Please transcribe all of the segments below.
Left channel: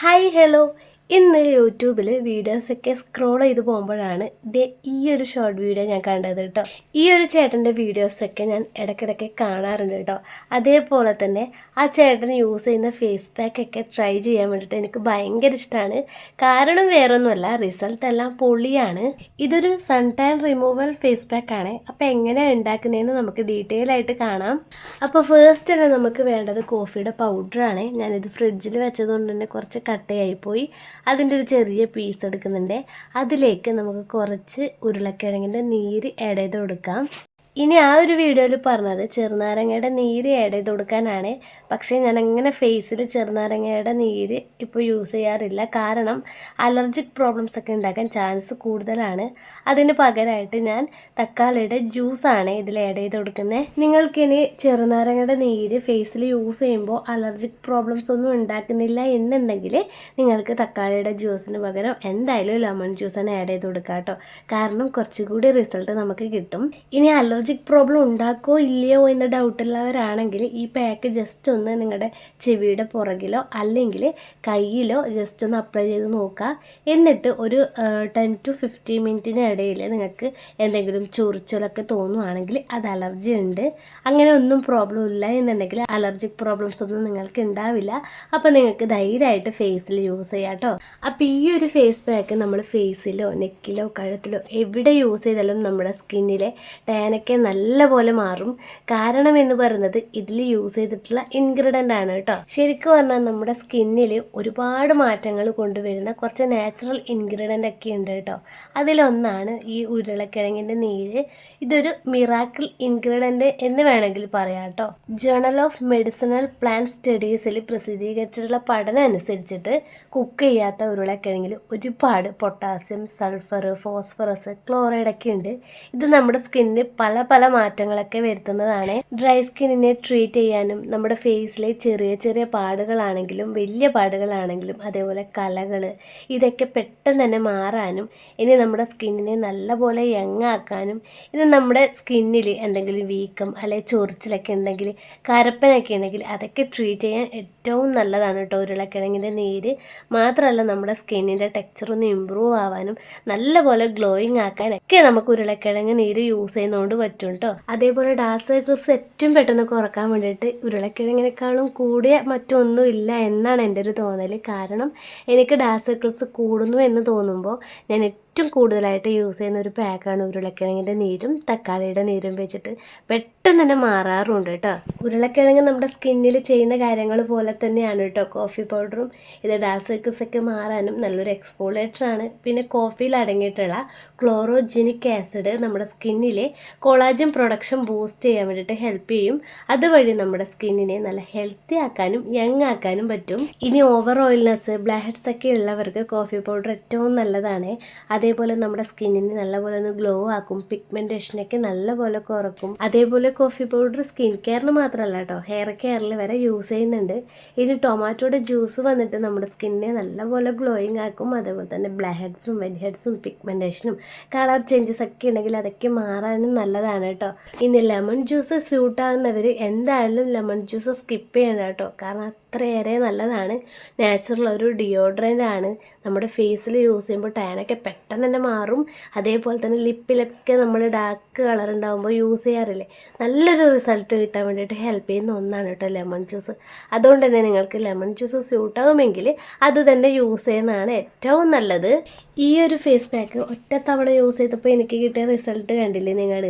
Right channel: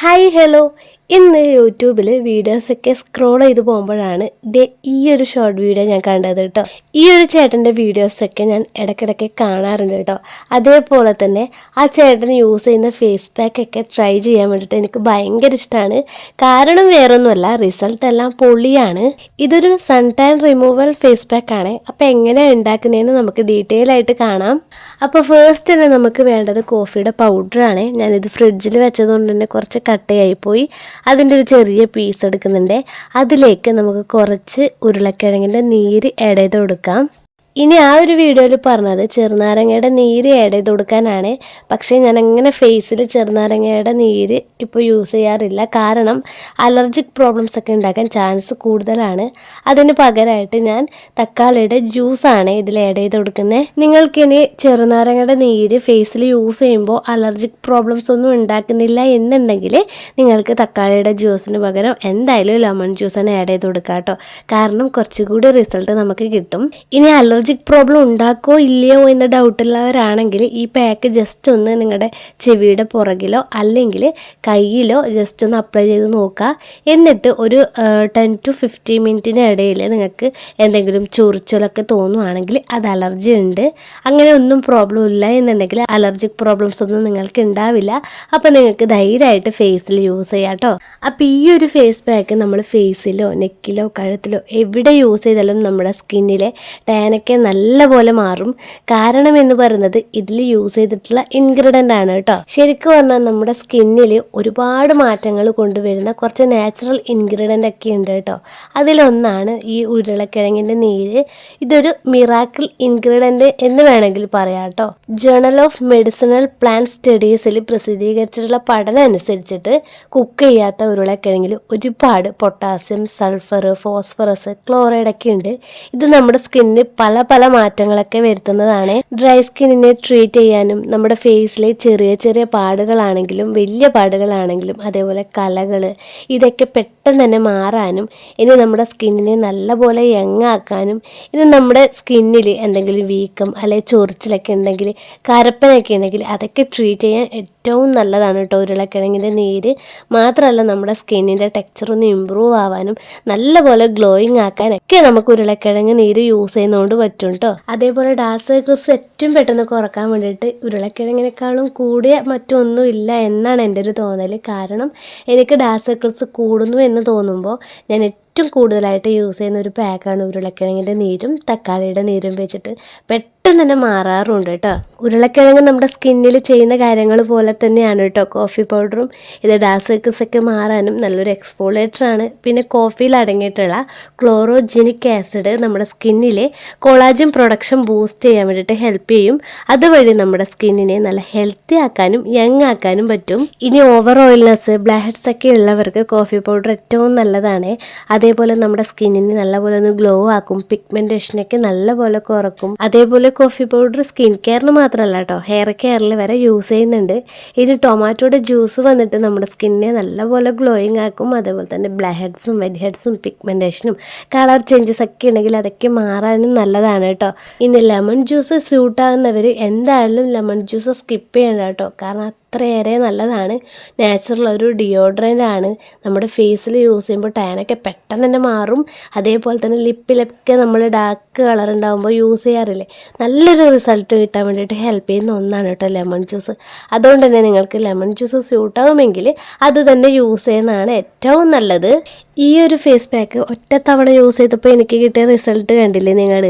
Hi hello ഇന്ന് യൂട്യൂബിൽ വീഡിയോസൊക്കെ സ്ക്രോൾ ചെയ്ത് പോകുമ്പോഴാണ് ദേ ഈ ഒരു ഷോർട്ട് വീഡിയോ ഞാൻ കണ്ടത് കേട്ടോ. ഈ ഒരു ചേട്ടന്റെ വീഡിയോസൊക്കെ ഞാൻ ഇടയ്ക്കിടയ്ക്ക് കാണാറുണ്ട് കേട്ടോ. അതേപോലെ തന്നെ ആ ചേട്ടൻ യൂസ് ചെയ്യുന്ന ഫേസ് പാക്കൊക്കെ ട്രൈ ചെയ്യാൻ വേണ്ടിയിട്ട് എനിക്ക് ഭയങ്കര ഇഷ്ടമാണ്. കാരണം വേറൊന്നുമല്ല റിസൾട്ട് എല്ലാം പൊളിയാണ്. ഇതൊരു സൺ ടാൻ റിമൂവൽ ഫേസ് പാക്കാണ് അപ്പോൾ എങ്ങനെയാണ് ഉണ്ടാക്കുന്നതെന്ന് നമുക്ക് ഡീറ്റെയിൽ ആയിട്ട് കാണാം. അപ്പോൾ ഫസ്റ്റ് തന്നെ നമുക്ക് വേണ്ടത് കോഫിയുടെ പൗഡറാണ് ഞാനിത് ഫ്രിഡ്ജിൽ വെച്ചതുകൊണ്ട് തന്നെ കുറച്ച് കട്ടയായി പോയി അതിന്റെ ഒരു ചെറിയ പീസ് എടുക്കുന്നുണ്ട്. അതിലേക്ക് നമുക്ക് കുറച്ച് ഉരുളക്കിഴങ്ങിന്റെ നീര് ആഡ് ചെയ്ത് കൊടുക്കാം. ഇനി ആ ഒരു വീഡിയോയിൽ പറഞ്ഞത് ചെറുനാരങ്ങയുടെ നീര് ആഡ് ചെയ്ത് കൊടുക്കാനാണ്. പക്ഷേ ഞാൻ അങ്ങനെ ഫേസിൽ ചെറുനാരങ്ങയുടെ നീര് ഇപ്പോൾ യൂസ് ചെയ്യാറില്ല. കാരണം അലർജിക് പ്രോബ്ലംസ് ഒക്കെ ഉണ്ടാക്കാൻ ചാൻസ് കൂടുതലാണ്. അതിന് പകരമായിട്ട് ഞാൻ തക്കാളിയുടെ ജ്യൂസാണ് ഇതിൽ ആഡ് ചെയ്ത് കൊടുക്കുന്നത്. നിങ്ങൾക്കിനി ചെറുനാരങ്ങയുടെ നീര് ഫേസിൽ യൂസ് ചെയ്യുമ്പോൾ അലർജിക് പ്രോബ്ലംസ് ഒന്നും ഉണ്ടാക്കുന്നില്ല എന്നുണ്ടെങ്കിൽ നിങ്ങൾക്ക് തക്കാളിയുടെ ജ്യൂസിന് പകരം എന്തായാലും ലെമൺ ജ്യൂസ് തന്നെ ആഡ് ചെയ്ത് കൊടുക്കാം കേട്ടോ കാരണം കുറച്ചുകൂടി റിസൾട്ട് നമുക്ക് കിട്ടും. ഇനി അലർജിക് പ്രോബ്ലം ഉണ്ടാക്കോ ഇല്ലയോ എന്ന് ഡൗട്ടുള്ളവരാണെങ്കിൽ ഈ പാക്ക് ജസ്റ്റ് ഒന്ന് നിങ്ങളുടെ ചെവിയുടെ പുറകിലോ അല്ലെങ്കിൽ കയ്യിലോ ജസ്റ്റ് ഒന്ന് അപ്ലൈ ചെയ്ത് നോക്കുക എന്നിട്ട് ഒരു ടെൻ ടു ഫിഫ്റ്റീൻ മിനിറ്റിന് ഇടയിൽ നിങ്ങൾക്ക് എന്തെങ്കിലും ചൊറിച്ചിലൊക്കെ തോന്നുവാണെങ്കിൽ അത് അലർജി ഉണ്ട്. അങ്ങനെ ഒന്നും പ്രോബ്ലം ഇല്ല എന്നുണ്ടെങ്കിൽ അലർജിക് പ്രോബ്ലംസ് ഒന്നും നിങ്ങൾക്ക് ഉണ്ടാവില്ല. അപ്പോൾ നിങ്ങൾക്ക് ധൈര്യമായിട്ട് ഫേസിൽ യൂസ് ചെയ്യാം കേട്ടോ അപ്പോൾ ഈ ഒരു ഫേസ് പാക്ക് നമ്മൾ ഫേസിലോ നെക്കിലോ കഴുത്തിലോ എവിടെ യൂസ് ചെയ്താലും നമ്മുടെ സ്കിന്നിലെ ടാനൊക്കെ നല്ലപോലെ മാറും. കാരണം എന്ന് പറയുന്നത് ഇതിൽ യൂസ് ചെയ്തിട്ടുള്ള ഇൻഗ്രീഡിയന്റ് ആണ് കേട്ടോ. ശരിക്കും പറഞ്ഞാൽ നമ്മുടെ സ്കിന്നിൽ ഒരുപാട് മാറ്റങ്ങൾ കൊണ്ടുവരുന്ന കുറച്ച് നാച്ചുറൽ ഇൻഗ്രീഡിയന്റ് ഒക്കെ ഉണ്ട് കേട്ടോ. അതിലൊന്നാണ് ഈ ഉരുളക്കിഴങ്ങിന്റെ നീര്. ഇതൊരു മിറാക്കിൾ ഇൻഗ്രീഡിയന്റ് എന്ന് വേണമെങ്കിൽ പറയാം കേട്ടോ. ജേണൽ ഓഫ് മെഡിസിനൽ പ്ലാന്റ് സ്റ്റഡീസിൽ പ്രസിദ്ധീകരിച്ചിട്ടുള്ള പഠനം അനുസരിച്ചിട്ട് കുക്ക് ചെയ്യാത്ത ഉരുളക്കിഴങ്ങിൽ ഒരുപാട് പൊട്ടാസ്യം സൾഫർ ഫോസ്ഫറസ് ക്ലോറൈഡ് ഒക്കെ ഉണ്ട്. ഇത് നമ്മുടെ സ്കിന്നിന് പല പല മാറ്റങ്ങളൊക്കെ വരുത്തുന്നതാണ്. ഡ്രൈ സ്കിന്നിനെ ട്രീറ്റ് ചെയ്യാനും നമ്മുടെ ഫേസിലെ ചെറിയ ചെറിയ പാടുകളാണെങ്കിലും വലിയ പാടുകളാണെങ്കിലും അതേപോലെ കലകൾ ഇതൊക്കെ പെട്ടെന്ന് തന്നെ മാറാനും ഇനി നമ്മുടെ സ്കിന്നിനെ നല്ലപോലെ യങ്ങാക്കാനും ഇനി നമ്മുടെ സ്കിന്നിൽ എന്തെങ്കിലും വീക്കം അല്ലെങ്കിൽ ചൊറിച്ചിലൊക്കെ ഉണ്ടെങ്കിൽ കരപ്പനൊക്കെ ഉണ്ടെങ്കിൽ അതൊക്കെ ട്രീറ്റ് ചെയ്യാൻ ഏറ്റവും നല്ലതാണ് കേട്ടോ ഉരുളക്കിഴങ്ങിന്റെ നീര് മാത്രമല്ല നമ്മുടെ സ്കിന്നിന്റെ ടെക്സ്ചർ ഒന്ന് ഇമ്പ്രൂവ് ആവാനും നല്ലപോലെ ഗ്ലോയിങ് ആക്കാനൊക്കെ നമുക്ക് ഉരുളക്കിഴങ്ങ് നീര് യൂസ് ചെയ്യുന്നതുകൊണ്ട് പറ്റും കേട്ടോ അതേപോലെ ഡാസേക്കസ് ഏറ്റവും പെട്ടെന്ന് കുറയ്ക്കാൻ വേണ്ടിയിട്ട് ഉരുളക്കിഴങ്ങിനേക്കാളും കൂടിയ മറ്റൊന്നും ഇല്ല എന്നാണ് എന്റെ ഒരു തോന്നൽ കാരണം എനിക്ക് ഡാസേക്കസ് കൂടുന്നു എന്ന് തോന്നുമ്പോൾ ഞാൻ ഏറ്റവും കൂടുതലായിട്ട് യൂസ് ചെയ്യുന്ന ഒരു പാക്കാണ് ഉരുളക്കിഴങ്ങിന്റെ നീരും തക്കാളിയുടെ നീരും വെച്ചിട്ട്. പെട്ടെന്ന് തന്നെ മാറാറുണ്ട് കേട്ടോ ഉരുളക്കിഴങ്ങ് നമ്മുടെ സ്കിന്നിൽ ചെയ്യുന്ന കാര്യങ്ങൾ പോലെ തന്നെയാണ് കേട്ടോ കോഫി പൗഡറും ഇത് ഡാസേക്കസ് ഒക്കെ മാറാനും നല്ലൊരു എക്സ്പോളേറ്റർ ആണ്. പിന്നെ കോഫിയിൽ അടങ്ങിയിട്ടുള്ള ക്ലോറോജിനിക് ആസിഡ് നമ്മുടെ സ്കിന്നിലെ കൊളാജിൻ പ്രൊഡക്ഷൻ ബൂസ്റ്റ് ചെയ്യാൻ വേണ്ടിയിട്ട് ഹെൽപ്പ് ചെയ്യും. അതുവഴി നമ്മുടെ സ്കിന്നിനെ നല്ല ഹെൽത്തി ആക്കാനും യങ് ആക്കാനും പറ്റും. ഇനി ഓവർ ഓയിൽനെസ് ബ്ലാക്ക് ഹെഡ്സ് ഒക്കെ ഉള്ളവർക്ക് കോഫി പൗഡർ ഏറ്റവും നല്ലതാണ്. അതേപോലെ നമ്മുടെ സ്കിന്നിനെ നല്ലപോലെ ഒന്ന് ഗ്ലോ ആക്കും പിഗ്മെന്റേഷനൊക്കെ നല്ലപോലെ കുറക്കും. അതേപോലെ കോഫി പൗഡർ സ്കിൻ കെയറിന് മാത്രമല്ല കേട്ടോ ഹെയർ കെയറിൽ വരെ യൂസ് ചെയ്യുന്നുണ്ട്. ഇനി ടൊമാറ്റോയുടെ ജ്യൂസ് വന്നിട്ട് നമ്മുടെ സ്കിന്നിനെ നല്ലപോലെ ഗ്ലോയിങ് ആക്കും. അതേപോലെ തന്നെ ബ്ലാക്ക് ഹെഡ്സും വെഡ് ഹെഡ്സും പിഗ്മെന്റേഷനും കളർ ചേഞ്ചസ് ഒക്കെ ഉണ്ടെങ്കിൽ അതൊക്കെ മാറാനും നല്ലതാണ് കേട്ടോ ഇനി ലെമൺ ജ്യൂസ് സ്യൂട്ടാകുന്നവർ എന്തായാലും ലെമൺ ജ്യൂസ് സ്കിപ്പ് ചെയ്യണ്ട കേട്ടോ കാരണം അത്രയേറെ നല്ലതാണ്. നാച്ചുറൽ ഒരു ഡിയോഡ്രന്റ് ആണ്. നമ്മുടെ ഫേസിൽ യൂസ് ചെയ്യുമ്പോൾ ടാനൊക്കെ പെട്ടെന്ന് തന്നെ മാറും. അതേപോലെ തന്നെ ലിപ്പിലൊക്കെ നമ്മൾ ഡാർക്ക് കളർ ഉണ്ടാകുമ്പോൾ യൂസ് ചെയ്യാറില്ലേ? നല്ലൊരു റിസൾട്ട് കിട്ടാൻ വേണ്ടിയിട്ട് ഹെൽപ്പ് ചെയ്യുന്ന ഒന്നാണ് കേട്ടോ ലെമൺ ജ്യൂസ് അതുകൊണ്ട് തന്നെ നിങ്ങൾക്ക് ലെമൺ ജ്യൂസ് സ്യൂട്ടാവുമെങ്കിൽ അത് തന്നെ യൂസ് ചെയ്യുന്നതാണ് ഏറ്റവും നല്ലത്. ഈ ഒരു ഫേസ് പാക്ക് ഒറ്റ തവണ യൂസ് ചെയ്തപ്പോൾ എനിക്ക് കിട്ടിയ റിസൾട്ട് കണ്ടില്ലേ നിങ്ങൾ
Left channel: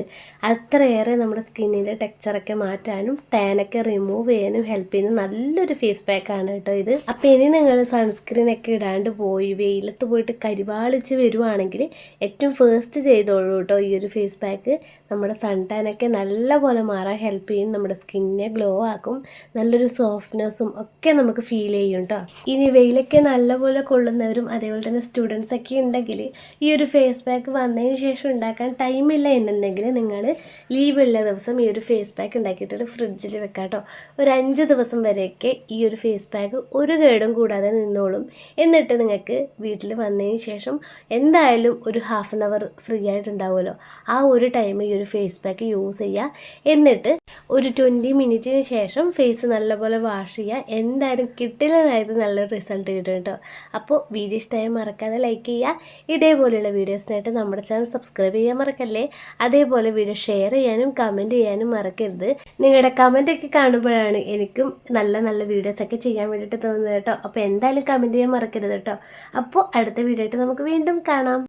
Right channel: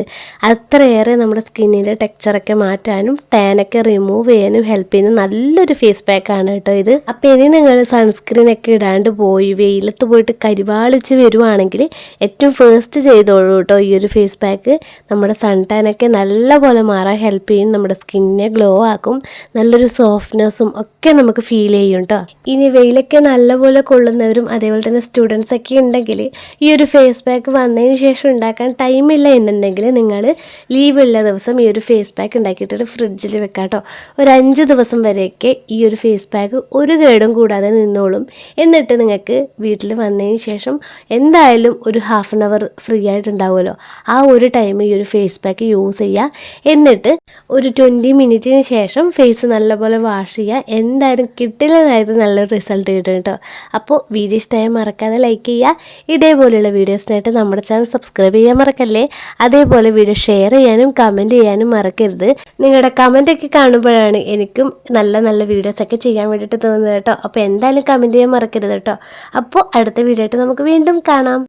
അത്രയേറെ നമ്മുടെ സ്കിന്നിന്റെ ടെക്സ്ചറൊക്കെ മാറ്റാനും ടാനൊക്കെ റിമൂവ് ചെയ്യാനും ഹെൽപ്പ് ചെയ്യുന്ന നല്ലൊരു ഫേസ് പാക്കാണ് കേട്ടോ ഇത്. അപ്പോൾ ഇനി നിങ്ങൾ സൺസ്ക്രീൻ ഒക്കെ ഇടാണ്ട് പോയി വെയിലത്ത് പോയിട്ട് കരിവാളിച്ച് വരുവാണെങ്കിൽ ഏറ്റവും ഫേസ്റ്റ് ചെയ്തോളൂ കേട്ടോ ഈ ഒരു ഫേസ് പാക്ക് നമ്മുടെ സൺ ടാനൊക്കെ നല്ലപോലെ മാറാൻ ഹെൽപ്പ് ചെയ്യും നമ്മുടെ സ്കിന്നിനെ ഗ്ലോ ആക്കും നല്ലൊരു സോഫ്റ്റ്നെസ്സും ഒക്കെ നമുക്ക് ഫീൽ ചെയ്യും കേട്ടോ. ഇനി വെയിലൊക്കെ നല്ലപോലെ കൊള്ളുന്നവരും അതേപോലെ തന്നെ സ്റ്റുഡൻസ് ഒക്കെ ഉണ്ടെങ്കിൽ ഈ ഒരു ഫേസ് പാക്ക് വന്നതിന് ശേഷം ഉണ്ടാക്കാൻ ടൈമില്ല എന്നുണ്ടെങ്കിൽ നിങ്ങൾ ലീവുള്ള ദിവസം ഈ ഒരു ഫേസ് പാക്ക് ഉണ്ടാക്കിയിട്ട് ഫ്രിഡ്ജിൽ വെക്കാം കേട്ടോ ഒരു അഞ്ച് ദിവസം വരെയൊക്കെ ഈ ഒരു ഫേസ് പാക്ക് ഒരു കേടും കൂടാതെ നിന്നോളും. എന്നിട്ട് നിങ്ങൾക്ക് വീട്ടിൽ വന്നതിന് ശേഷം എന്തായാലും ഒരു ഹാഫ് ആൻ അവർ ഫ്രീ ആയിട്ടുണ്ടാവുമല്ലോ. ആ ഒരു ടൈം ഈ ഒരു ഫേസ് പാക്ക് യൂസ് ചെയ്യുക എന്നിട്ട് ഒരു ട്വന്റി മിനിറ്റിന് ശേഷം ഫേസ് നല്ലപോലെ വാഷ് ചെയ്യുക എന്തായാലും കിട്ടില്ലെന്നായിരുന്നു നല്ലൊരു റിസൾട്ട് കിട്ടും കേട്ടോ അപ്പോൾ വീഡിയോ ഇഷ്ടമായ മറക്കാതെ ലൈക്ക് ചെയ്യുക. ഇതേപോലെയുള്ള വീഡിയോസിനായിട്ട് നമ്മുടെ ചാനൽ സബ്സ്ക്രൈബ് ചെയ്യാൻ മറക്കല്ലേ? അതേപോലെ വീഡിയോ ഷെയർ ചെയ്യാനും കമന്റ് ചെയ്യാനും മറക്കരുത്. നിങ്ങളുടെ കമന്റൊക്കെ കാണുമ്പോഴാണ് എനിക്കും നല്ല നല്ല വീഡിയോസൊക്കെ ചെയ്യാൻ വേണ്ടിയിട്ട് തോന്നുന്നത് കേട്ടോ. അപ്പോൾ എന്തായാലും കമന്റ് ചെയ്യാൻ മറക്കരുത് കേട്ടോ. അപ്പോൾ അടുത്ത വീഡിയോ ആയിട്ട് നമുക്ക് വീണ്ടും കാണാം.